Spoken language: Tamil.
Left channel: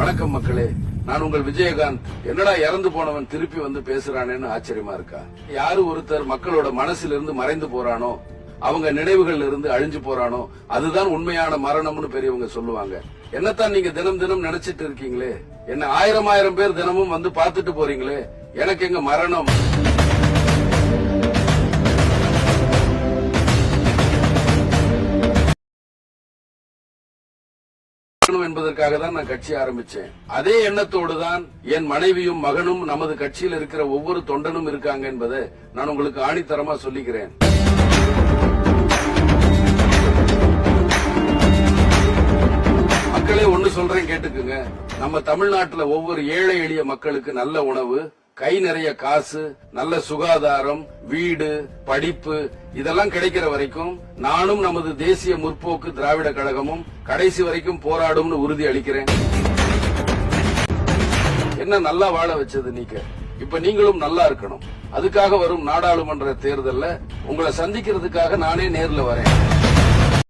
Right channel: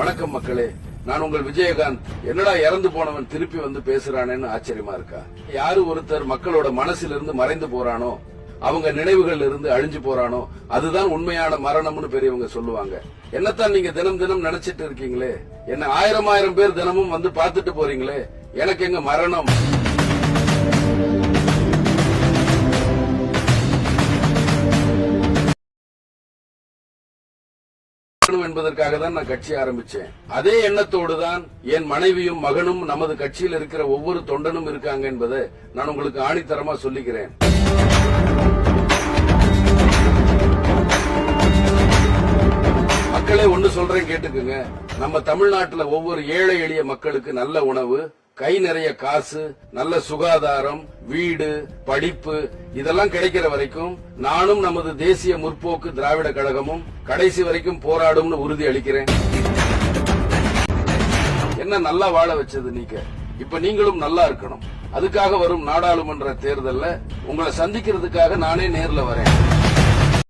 வணக்கம் மக்களே. நான் உங்கள் விஜயகாந்த். என்னடா இறந்து போனவன் திருப்பி வந்து பேசுறானேன்னு ஆச்சரியமா இருக்கா? யாரு ஒருத்தர் மக்களோட மனசுல இருந்து மறைந்து போறானோ அவங்க நினைவுகள்ல இருந்து அழிஞ்சு போறானோ அதுதான் உண்மையான மரணம்னு பெரியவங்க சொல்லுவாங்க. என்னத்தான் நீங்க தினம் தினம் நினைச்சிட்டு இருக்கீங்களே? என்ன ஆயிரம் ஆயிரம் பேர் தினமும் வந்து பாத்துட்டு போறீங்களே? எனக்கு எங்க மரணம்? இருக்கணும் என்பதற்காக தான் நான் கட்சி ஆரம்பிச்சேன். அதே எண்ணத்தோடு தான் என் மனைவியும் மகனும் நமது கட்சியில் இருக்கிற ஒவ்வொரு தொண்டனும் இருக்காங்க என்பதை நான் உங்களுக்கு ஆணித்தரமா சொல்லிக்கிறேன். மக்களே ஒண்ணு சொல்றேன் கேட்டுக்குங்க. நம்ம தமிழ்நாட்டுல ஒவ்வொரு ஏழை எளிய மக்களுக்கு நல்ல உணவு கை நிறைய காசு நல்ல சுகாதாரம் வீடு படிப்பு இதெல்லாம் கிடைக்கிற வரைக்கும் நானும் நமது தேசிய முற்போக்கு திராவிட கழகமும் கடைசி வரைக்கும் போராடும்னு உறுதி அளிக்கிறேன். என்ன நல்லா வாழ வச்சது நீங்க? இப்ப நீங்களும் நல்லா இருக்கணும். அதுக்காக வரும் நாடாளுமன்ற தேர்தலில் உங்களை சந்திக்கிறதுக்காக நானே நேர்ல வரேன்.